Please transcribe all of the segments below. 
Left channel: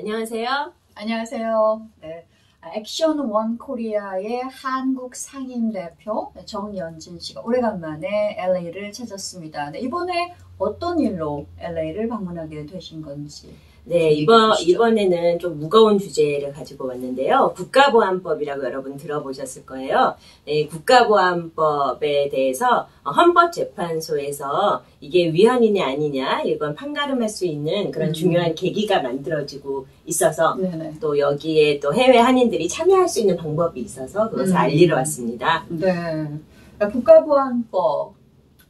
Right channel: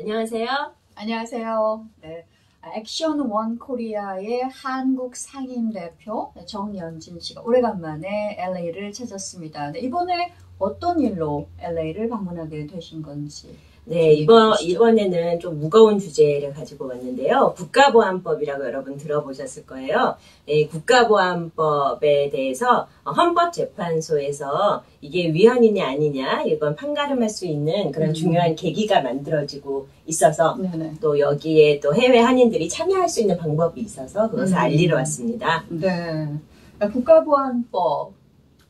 안녕하세요. 안녕하세요. 네, 액션 원 코리아의 한국 상임대표 정연진 씨가 오래간만에 LA를 찾았습니다. 네, 이번에 어떤 일로 LA를 방문하게 되신 건지. 네, 이번에는 좀 무거운 주제를 가지고 왔는데요. 국가보안법이라고 여러분 들어보셨을 거예요. 네, 국가보안법에 대해서 헌법재판소에서 이게 위헌이냐 아니냐 이건 판가름할 수 있는 그런 중요한 계기가 만들어지고 있어서 네네. 또 여기에 또 해외 한인들이 참여할 수 있는 방법이 있어서 그것을 알리러 왔습니다. 네, 국가보안법,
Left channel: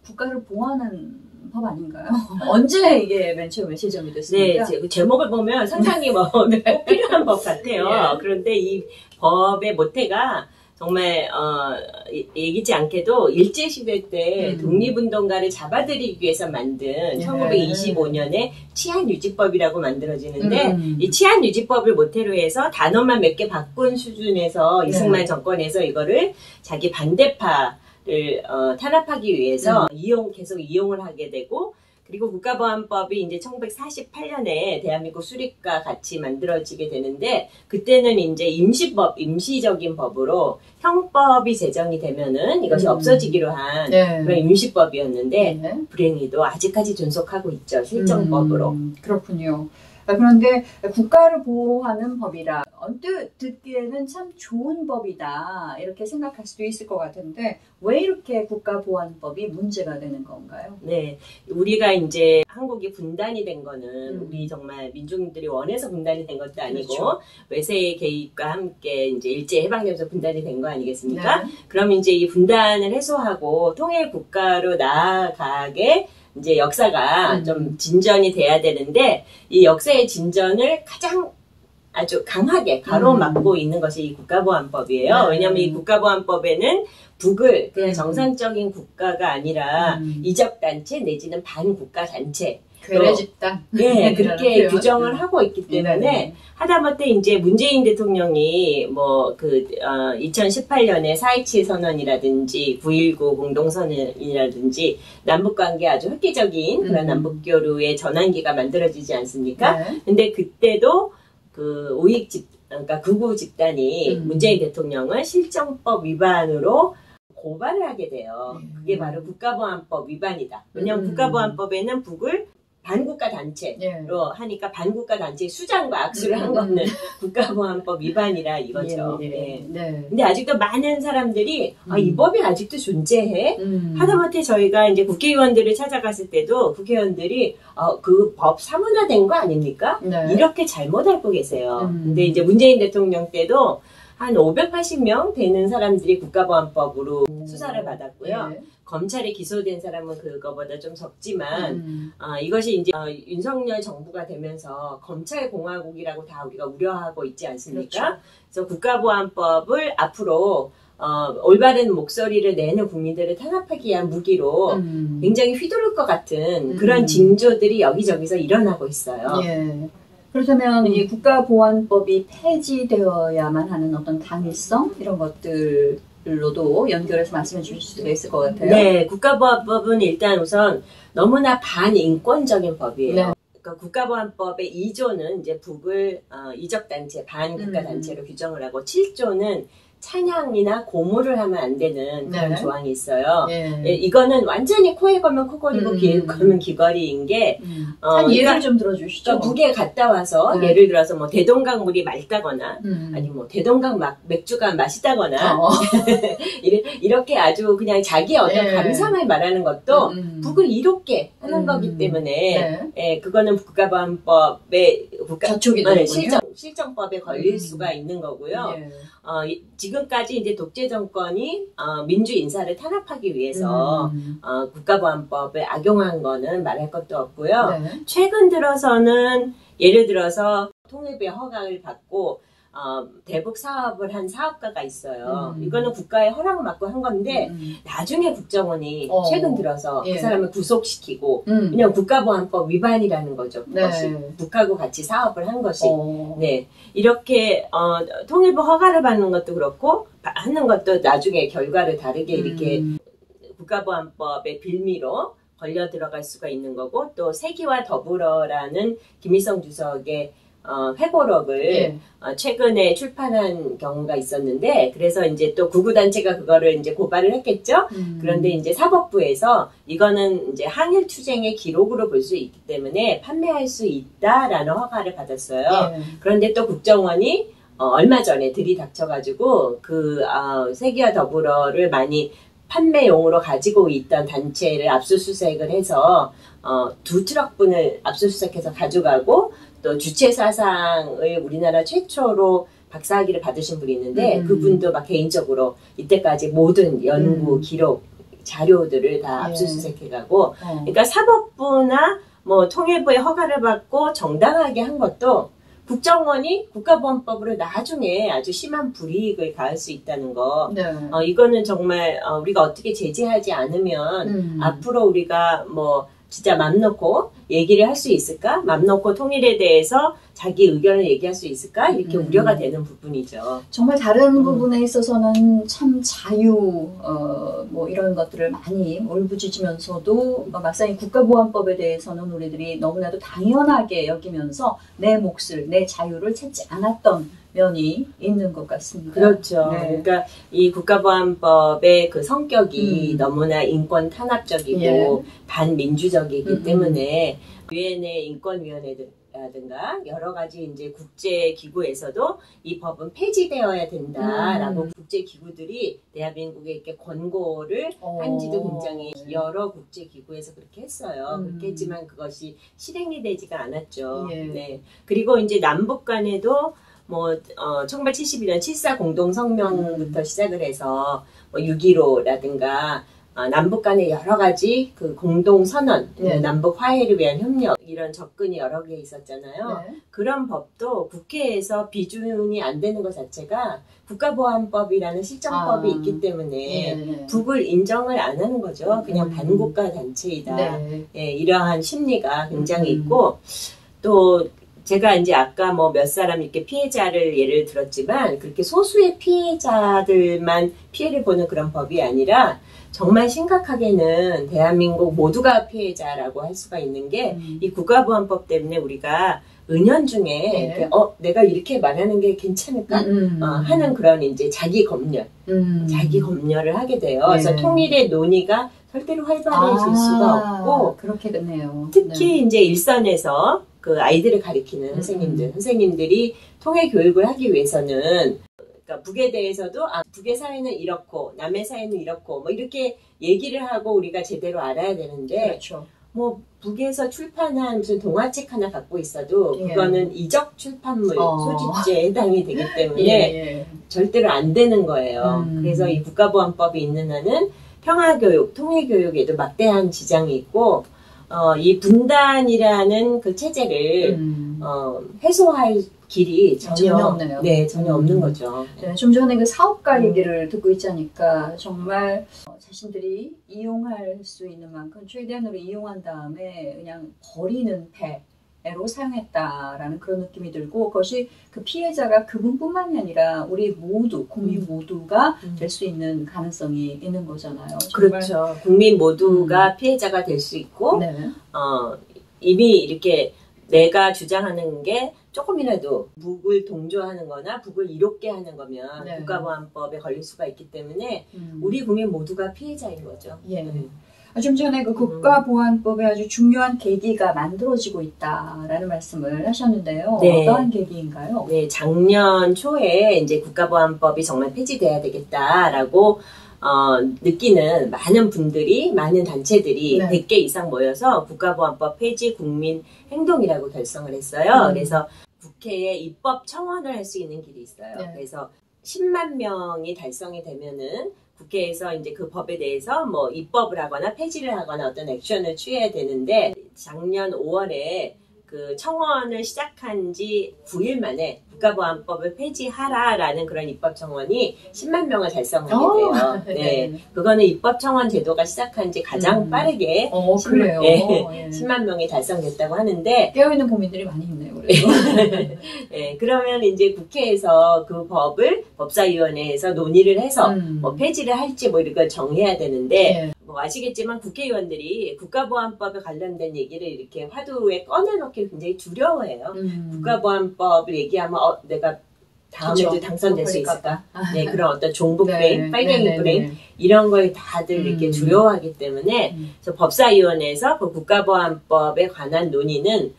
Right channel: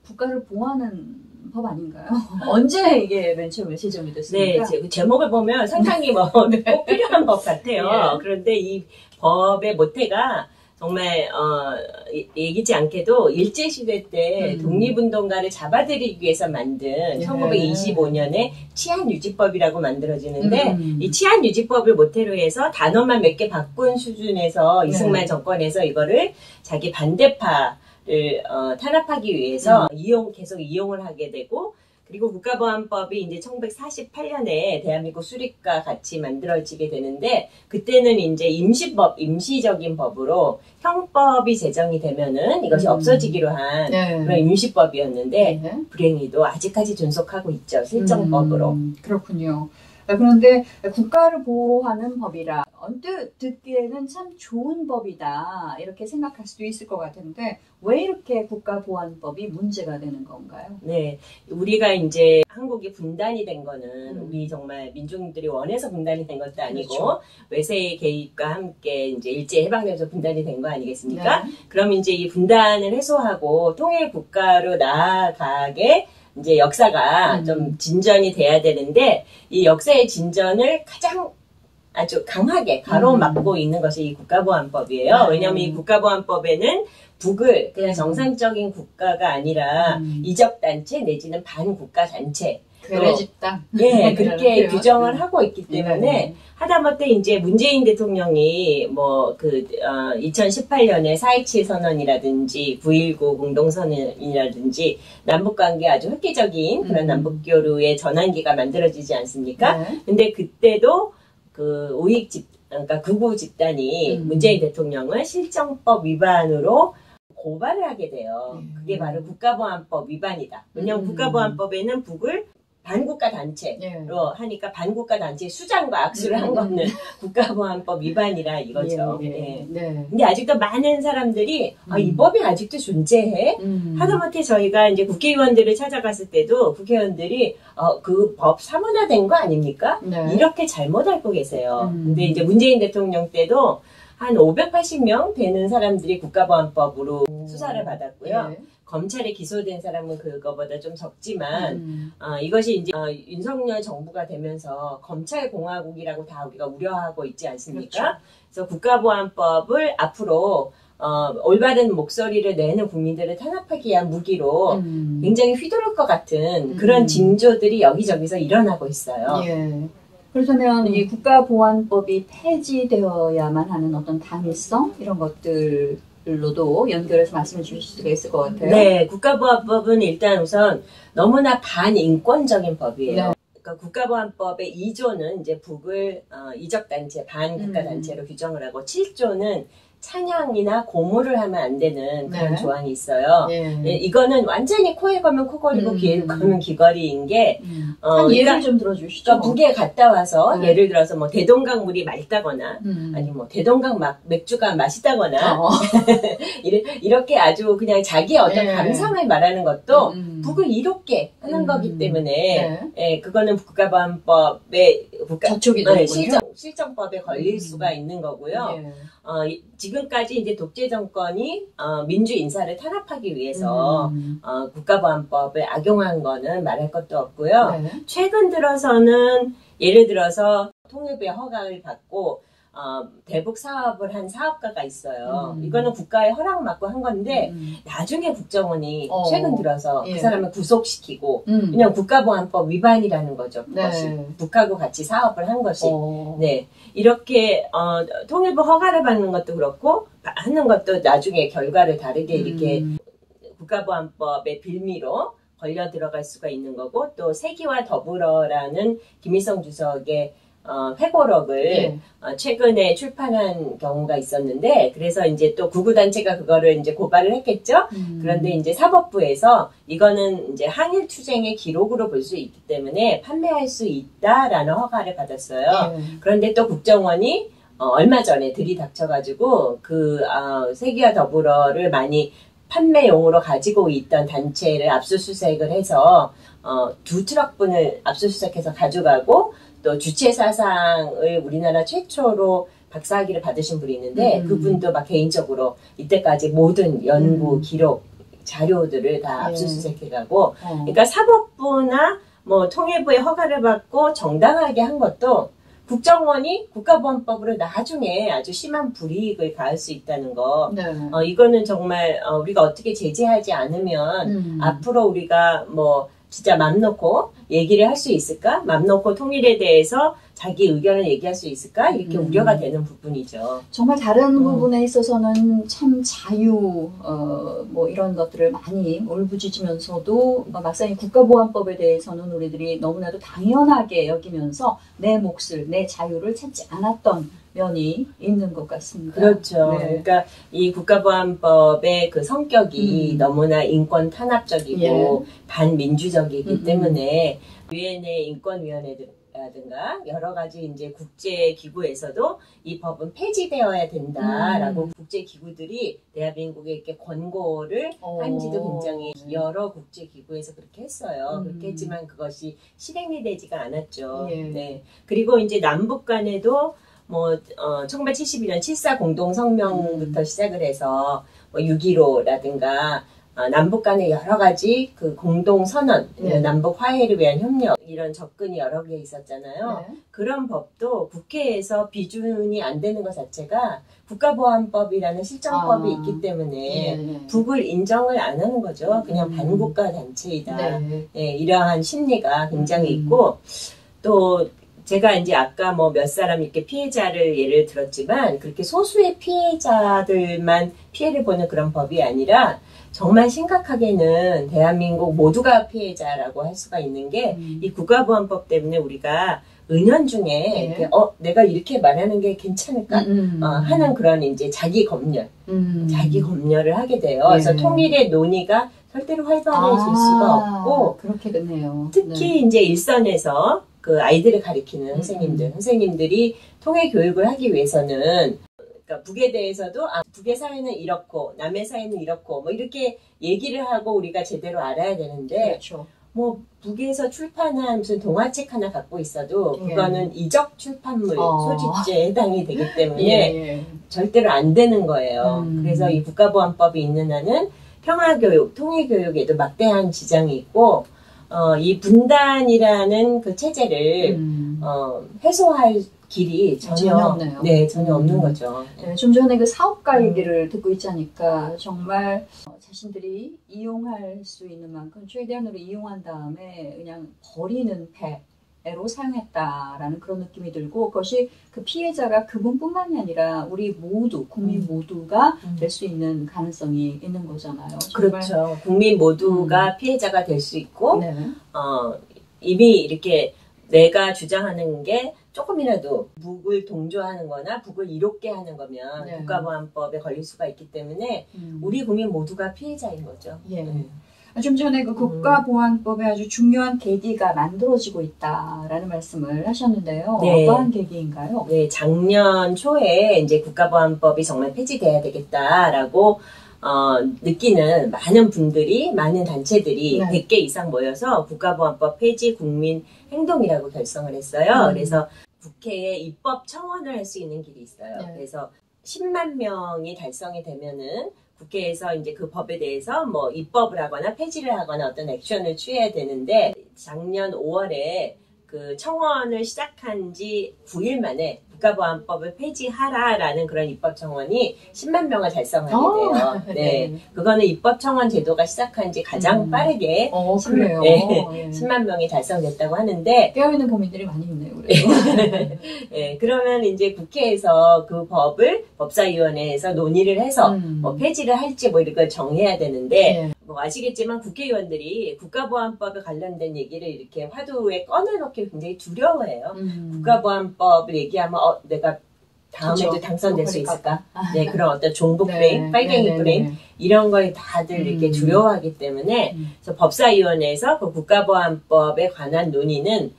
국가를 보호하는 법 아닌가요? 언제 이게 맨 처음에 시점이 됐습니까? 네, 제목을 보면 상당히 꼭 필요한 법 같아요. 예. 그런데 이 법의 모태가 정말 예기치 않게도 일제시대 때 독립운동가를 잡아들이기 위해서 만든 1925년에 치안유지법이라고 만들어지는데 이 치안유지법을 모태로 해서 단어만 몇 개 바꾼 수준에서 이승만 정권에서 이거를 자기 반대파 를 탄압하기 위해서 계속 이용을 하게 되고, 그리고 국가보안법이 이제 1948년에 대한민국 수립과 같이 만들어지게 되는데, 그때는 이제 임시적인 법으로 형법이 제정이 되면은 이것이 없어지기로 한 그런 임시법이었는데, 불행히도 아직까지 존속하고 있죠. 실정법으로. 그렇군요. 그런데 국가를 보호하는 법이라 언뜻 듣기에는 참 좋은 법이다 이렇게 생각할 수도 있을 것 같은데 왜 이렇게 국가보안법이 문제가 되는 건가요? 네, 우리가 이제 한국이 분단이 된 거는 우리 정말 민중들이 원해서 분단이 된 것도 아니고 그렇죠. 외세의 개입과 함께 이제 일제 해방되면서 분단이 된 거 아니겠습니까? 네. 그럼 이제 이 분단을 해소하고 통일 국가로 나아가게 이제 역사가 좀 진전이 돼야 되는데 이 역사의 진전을 가장 아주 강하게 가로막고 있는 것이 이 국가보안법이에요. 왜냐하면 이 국가보안법에는 북을 그냥 정상적인 국가가 아니라 이적단체 내지는 반국가단체 괴뢰 집단 네, 그렇게 규정을 하고 있기 때문에 하다못해 이제 문재인 대통령이 2018년에 4.27 선언이라든지 9.19 공동선언이라든지 남북관계 아주 획기적인 그런 남북교류의 전환기가 만들어지지 않습니까? 근데 그때도 그러니까 극우 집단이 문재인 대통령을 실정법 위반으로 고발을 하게 돼요. 그게 바로 국가보안법 위반이다. 왜냐하면 국가보안법에는 북을 반국가 단체로 하니까 반국가 단체의 수장과 악수를 한 거는 국가보안법 위반이라 이거죠. 근데 아직도 많은 사람들이 이 법이 아직도 존재해? 하다못해 저희가 이제 국회의원들을 찾아갔을 때도 국회의원들이 그 법 사문화된 거 아닙니까? 이렇게 잘못 알고 계세요. 근데 이제 문재인 대통령 때도 한 580명 되는 사람들이 국가보안법으로 수사를 받았고요. 검찰에 기소된 사람은 그거보다 좀 적지만 이것이 이제 윤석열 정부가 되면서 검찰공화국이라고 다 우리가 우려하고 있지 않습니까? 그렇죠. 그래서 국가보안법을 앞으로 올바른 목소리를 내는 국민들을 탄압하기 위한 무기로 굉장히 휘두를 것 같은 그런 징조들이 여기저기서 일어나고 있어요. 그렇다면 이 국가보안법이 폐지되어야만 하는 어떤 당위성 이런 것들로도 연결해서 말씀해 주실 수가 있을 것 같아요. 네, 국가보안법은 일단 우선 너무나 반인권적인 법이에요. 그러니까 국가보안법의 2조는 이제 북을 이적단체, 반국가단체로 규정을 하고 7조는 찬양이나 고무를 하면 안 되는 그런 조항이 있어요. 이거는 완전히 코에 걸면 코걸이고 귀에 걸면 귀걸이인 게 예를 좀 들어주시죠. 북에 갔다 와서 예를 들어서 뭐 대동강물이 맑다거나 아니면 뭐 대동강 맥주가 맛있다거나 이렇게 아주 그냥 자기 어떤 감상을 말하는 것도 북을 이롭게 하는 거기 때문에 그거는 국가보안법의 실정법에 걸릴 수가 있는 거고요. 지금까지 이제 독재 정권이 민주 인사를 탄압하기 위해서 국가보안법을 악용한 거는 말할 것도 없고요. 최근 들어서는 예를 들어서 통일부의 허가를 받고 대북 사업을 한 사업가가 있어요. 이거는 국가의 허락 받고 한 건데 나중에 국정원이 최근 들어서 그 사람을 구속시키고 그냥 국가보안법 위반이라는 거죠. 그것이 북하고 같이 사업을 한 것이 이렇게 통일부 허가를 받는 것도 그렇고 하는 것도 나중에 결과를 다르게 이렇게 국가보안법의 빌미로 걸려 들어갈 수가 있는 거고 또 세기와 더불어라는 김일성 주석의 회고록을 최근에 출판한 경우가 있었는데, 그래서 이제 또 구구단체가 그거를 이제 고발을 했겠죠. 그런데 이제 사법부에서 이거는 이제 항일 투쟁의 기록으로 볼 수 있기 때문에 판매할 수 있다라는 허가를 받았어요. 그런데 또 국정원이 얼마 전에 들이닥쳐가지고 세계와 더불어를 많이 판매용으로 가지고 있던 단체를 압수수색을 해서 2트럭분을 압수수색해서 가져가고, 또 주체 사상을 우리나라 최초로 박사학위를 받으신 분이 있는데 그분도 막 개인적으로 이때까지 모든 연구 기록 자료들을 다 압수수색해가고, 그러니까 사법부나 뭐 통일부의 허가를 받고 정당하게 한 것도 국정원이 국가보안법으로 나중에 아주 심한 불이익을 가할 수 있다는 거. 이거는 정말 우리가 어떻게 제재하지 않으면 앞으로 우리가 뭐 진짜 맘 놓고 얘기를 할 수 있을까? 맘 놓고 통일에 대해서 자기 의견을 얘기할 수 있을까? 이렇게 우려가 되는 부분이죠. 정말 다른 부분에 있어서는 참 자유, 뭐 이런 것들을 많이 울부짖으면서도 막상 이 국가보안법에 대해서는 우리들이 너무나도 당연하게 여기면서 내 몫을, 내 자유를 찾지 않았던 면이 있는 것 같습니다. 그렇죠. 그러니까 이 국가보안법의 그 성격이 너무나 인권 탄압적이고 반민주적이기 때문에 유엔의 인권위원회라든가 여러 가지 이제 국제기구에서도 이 법은 폐지되어야 된다라고 국제기구들이 대한민국에 이렇게 권고를 한지도 굉장히 여러 국제기구에서 그렇게 했어요. 그렇게 했지만 그것이 실행이 되지가 않았죠. 네. 그리고 이제 남북 간에도 1971년 7.4 공동성명부터 시작을 해서 6.15라든가 남북 간의 여러 가지 그 공동선언, 남북 화해를 위한 협력, 이런 접근이 여러 개 있었잖아요. 그런 법도 국회에서 비준이 안 되는 것 자체가 국가보안법이라는 실정법이 있기 때문에 북을 인정을 안 하는 거죠. 그냥 반국가 단체이다. 이러한 심리가 굉장히 있고, 또 제가 이제 아까 뭐 몇 사람 이렇게 피해자를 예를 들었지만 그렇게 소수의 피해자들만 피해를 보는 그런 법이 아니라 정말 심각하게는 대한민국 모두가 피해자라고 할 수가 있는 게 이 국가보안법 때문에 우리가 은연중에 내가 이렇게 말하는 게 괜찮을까 하는 그런 이제 자기 검열을 하게 돼요. 그래서 통일의 논의가 절대로 활발해질 수가 없고, 그렇게 되네요. 특히 이제 일선에서 그 아이들을 가리키는 선생님들이 통일 교육을 하기 위해서는, 그러니까 북에 대해서도 북의 사회는 이렇고 남의 사회는 이렇고 뭐 이렇게 얘기를 하고 우리가 제대로 알아야 되는데, 뭐 북에서 출판한 무슨 동화책 하나 갖고 있어도 그거는 이적 출판물 소집죄에 해당이 되기 때문에 절대로 안 되는 거예요. 그래서 이 국가보안법이 있는 한은 평화교육, 통일교육에도 막대한 지장이 있고, 이 분단이라는 그 체제를 해소할 길이 전혀 없네요. 전혀 없는 거죠. 좀 전에 그 사업가 얘기를 듣고 있지 않을까, 정말 자신들이 이용할 수 있는 만큼 최대한으로 이용한 다음에 그냥 버리는 배로 사용했다라는 그런 느낌이 들고, 그것이 그 피해자가 그분뿐만이 아니라 우리 모두, 국민 모두가 될 수 있는 가능성이 있는 거잖아요. 그렇죠. 국민 모두가 피해자가 될 수 있고, 이미 이렇게 내가 주장하는 게 조금이라도 북을 동조하는 거나 북을 이롭게 하는 거면 국가보안법에 걸릴 수가 있기 때문에 우리 국민 모두가 피해자인 거죠. 좀 전에 그 국가보안법에 아주 중요한 계기가 만들어지고 있다라는 말씀을 하셨는데요. 어떠한 계기인가요? 네, 작년 초에 이제 국가보안법이 정말 폐지돼야 되겠다라고 느끼는 많은 분들이, 많은 단체들이 100개 이상 모여서 국가보안법 폐지 국민 행동이라고 결성을 했어요. 그래서 국회에 입법 청원을 할 수 있는 길이 있어요. 그래서 10만 명이 달성이 되면은 국회에서 이제 그 법에 대해서 뭐 입법을 하거나 폐지를 하거나 어떤 액션을 취해야 되는데, 작년 5월에 그 청원을 시작한 지 9일 만에 국가보안법을 폐지하라라는 그런 입법청원이 10만 명을 달성하게 돼요. 그거는 입법청원 제도가 시작한 지 가장 빠르게 10만 명이 달성됐다고 하는데, 깨어있는 국민들이 많이 있네요. 그러면 이제 국회에서 그 법을 법사위원회에서 논의를 해서 뭐 폐지를 할지 뭐 이런 걸 정해야 되는데, 뭐 아시겠지만 국회의원들이 국가보안법에 관련된 얘기를 이렇게 화두에 꺼내놓기 굉장히 두려워해요. 국가보안법을 얘기하면 내가 다음에도 그쵸. 당선될 수 그러니까. 있을까? 네, 그런 어떤 종북 네, 프레임, 빨갱이 네, 네, 프레임 네. 이런 걸 다들 이렇게 두려워하기 때문에 그래서 법사위원회에서 그 국가보안법에 관한 논의는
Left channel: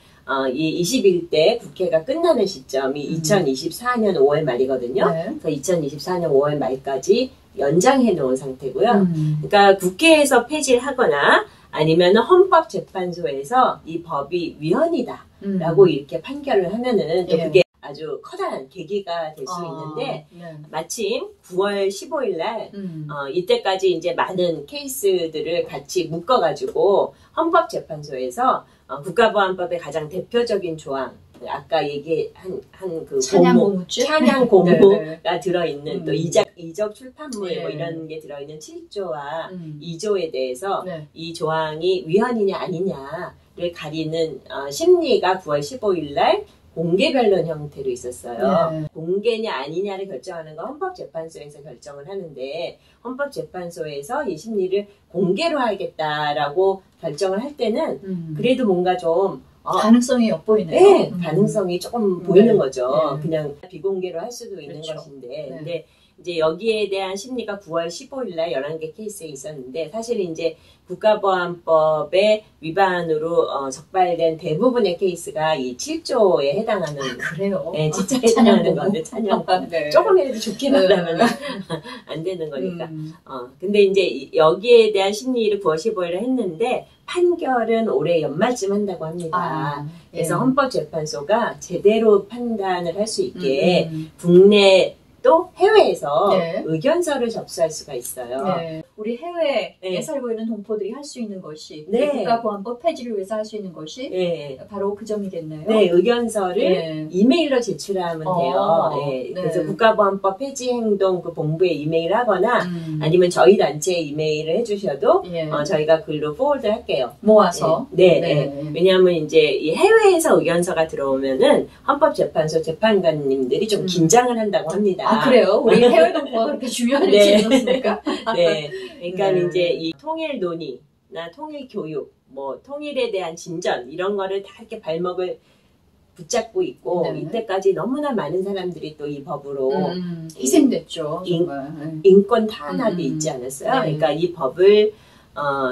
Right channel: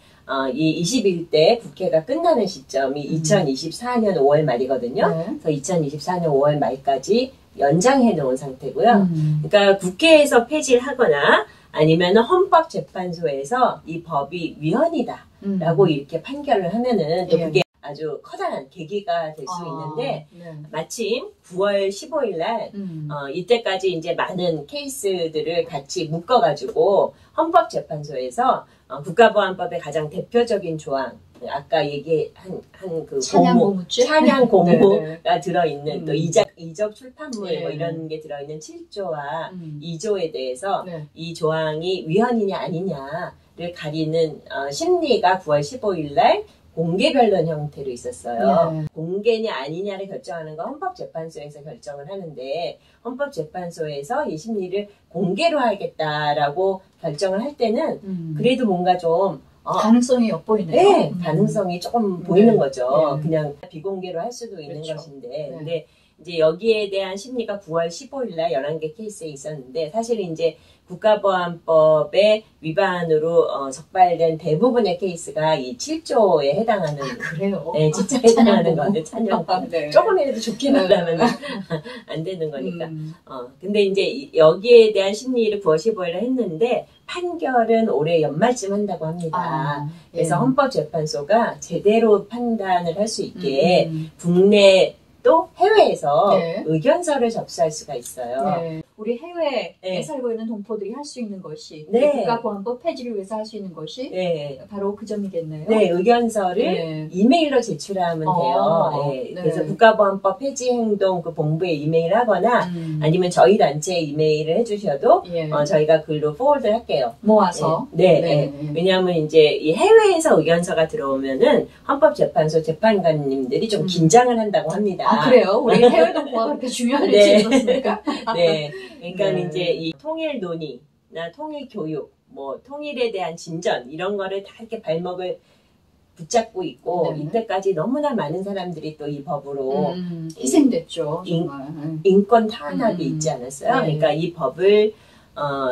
이 21대 국회가 끝나는 시점이 2024년 5월 말이거든요. 네. 그래서 2024년 5월 말까지 연장해 놓은 상태고요. 그러니까 국회에서 폐지를 하거나 아니면 헌법재판소에서 이 법이 위헌이다라고 이렇게 판결을 하면은 또 예. 그게 아주 커다란 계기가 될 수 있는데 네. 마침 9월 15일 날 이때까지 이제 많은 케이스들을 같이 묶어가지고 헌법재판소에서 국가보안법의 가장 대표적인 조항, 아까 얘기한 그 찬양 고무줄? 찬양 고무가 네, 들어있는 또 이적 출판물 네. 뭐 이런 게 들어있는 7조와 2조에 대해서 네. 이 조항이 위헌이냐 아니냐를 가리는 심리가 9월 15일 날 공개 변론 형태로 있었어요. 네. 공개냐 아니냐를 결정하는 건 헌법재판소에서 결정을 하는데 헌법재판소에서 이 심리를 공개로 하겠다라고 결정을 할 때는 그래도 뭔가 좀 가능성이 엿보이네요. 네, 가능성이 조금 보이는 거죠. 네. 그냥 비공개로 할 수도 있는 그렇죠. 것인데 네. 근데 이제 여기에 대한 심리가 9월 15일 날 11개 케이스에 있었는데 사실 이제 국가보안법의 위반으로 적발된 대부분의 케이스가 이 7조에 해당하는 그래요? 네, 진짜 해당하는 찬양 건데 찬양법 네. 조금이라도 좋게 말하면 안 되는 거니까. 음. 근데 이제 여기에 대한 심리를 9월 15일에 했는데 판결은 올해 연말쯤 한다고 합니다. 그래서 헌법재판소가 제대로 판단을 할 수 있게 국내 또 해외에서 네. 의견서를 접수할 수가 있어요. 네. 우리 해외에 네. 살고 있는 동포들이 할 수 있는 것이 네. 국가보안법 폐지를 위해서 할 수 있는 것이 네. 바로 그 점이겠네요. 네, 의견서를 네. 이메일로 제출하면 돼요. 네. 네. 그래서 국가보안법 폐지 행동 그 본부에 이메일 하거나 아니면 저희 단체에 이메일을 해주셔도 예. 저희가 글로 포워드 할게요. 모아서. 네. 네. 왜냐하면 이제 이 해외에서 의견서가 들어오면은 헌법재판소 재판관님들이 좀 긴장을 한다고 합니다. 그래요? 우리 해외 동포가 그렇게 중요한 네. 일이었습니까? 네. 그러니까 네. 이제 이 통일 논의나 통일 교육, 뭐 통일에 대한 진전 이런 거를 다 이렇게 발목을 붙잡고 있고 네. 이때까지 너무나 많은 사람들이 또 이 법으로 희생됐죠. 정말. 인권 탄압이 있지 않았어요. 네. 그러니까 이 법을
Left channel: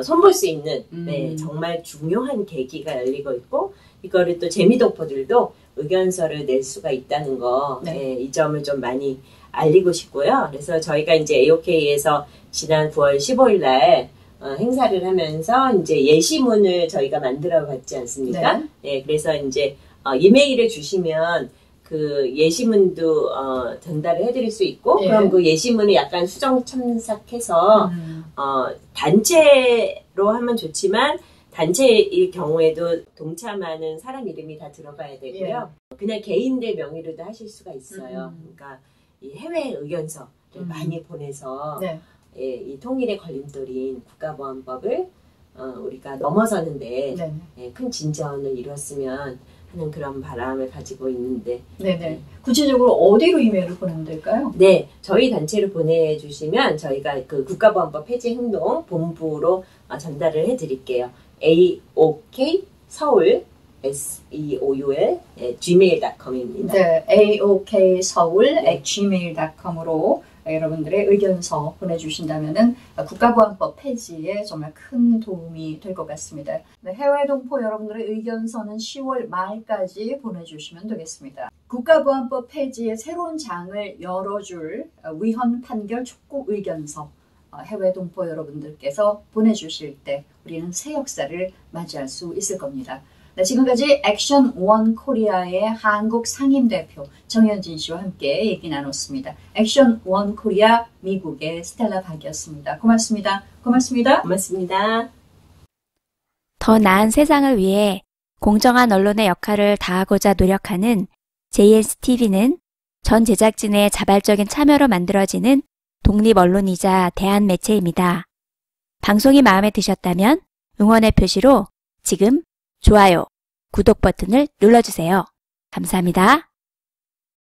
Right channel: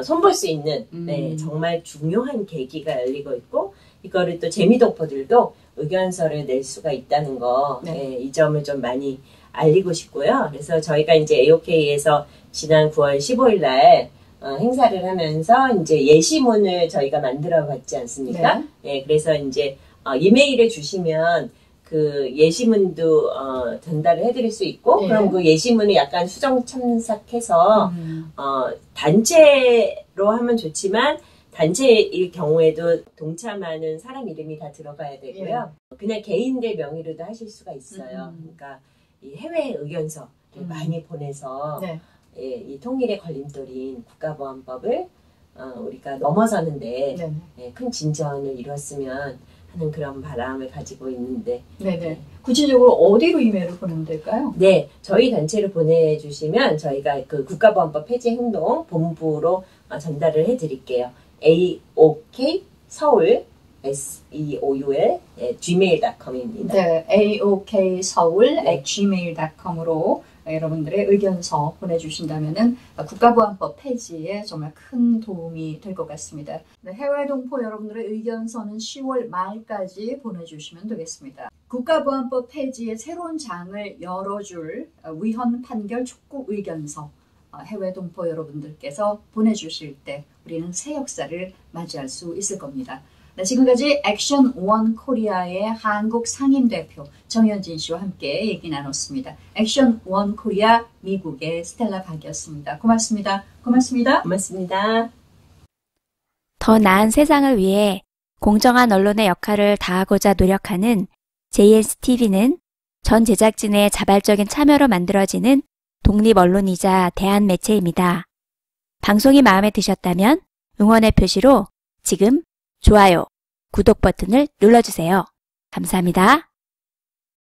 손볼 수 있는 네, 음. 정말 중요한 계기가 열리고 있고 이거를 또 재미동포들도 의견서를 낼 수가 있다는 거, 네. 네, 이 점을 좀 많이 알리고 싶고요. 그래서 저희가 이제 AOK에서 지난 9월 15일 날 행사를 하면서 이제 예시문을 저희가 만들어 봤지 않습니까? 네. 네, 그래서 이제 이메일을 주시면 그 예시문도 전달을 해드릴 수 있고, 예. 그럼 그 예시문을 약간 수정 첨삭해서 단체로 하면 좋지만 단체일 경우에도 동참하는 사람 이름이 다 들어가야 되고요. 그냥 개인들 명의로도 하실 수가 있어요. 그러니까 이 해외 의견서를 많이 보내서 네. 예, 이 통일의 걸림돌인 국가보안법을 우리가 넘어서는데 네. 예, 큰 진전을 이뤘으면 하는 그런 바람을 가지고 있는데 네네. 구체적으로 어디로 이메일을 보내면 될까요? 네, 저희 단체로 보내주시면 저희가 그 국가보안법 폐지 행동 본부로 전달을 해드릴게요. AOK 서울 SEOUL gmail.com입니다. 네, aokseoul@gmail.com으로 여러분들의 의견서 보내주신다면은 국가보안법 폐지에 정말 큰 도움이 될 것 같습니다. 네, 해외 동포 여러분들의 의견서는 10월 말까지 보내주시면 되겠습니다. 국가보안법 폐지의 새로운 장을 열어줄 위헌 판결 촉구 의견서 해외 동포 여러분들께서 보내주실 때 우리는 새 역사를 맞이할 수 있을 겁니다. 네, 지금까지 액션 원 코리아의 한국 상임대표 정현진 씨와 함께 얘기 나눴습니다. 액션 원 코리아 미국의 스텔라 박이었습니다. 고맙습니다. 고맙습니다. 고맙습니다. 더 나은 세상을 위해 공정한 언론의 역할을 다하고자 노력하는 JSTV는 전 제작진의 자발적인 참여로 만들어지는 독립 언론이자 대한 매체입니다. 방송이 마음에 드셨다면 응원의 표시로 지금 좋아요, 구독 버튼을 눌러주세요. 감사합니다.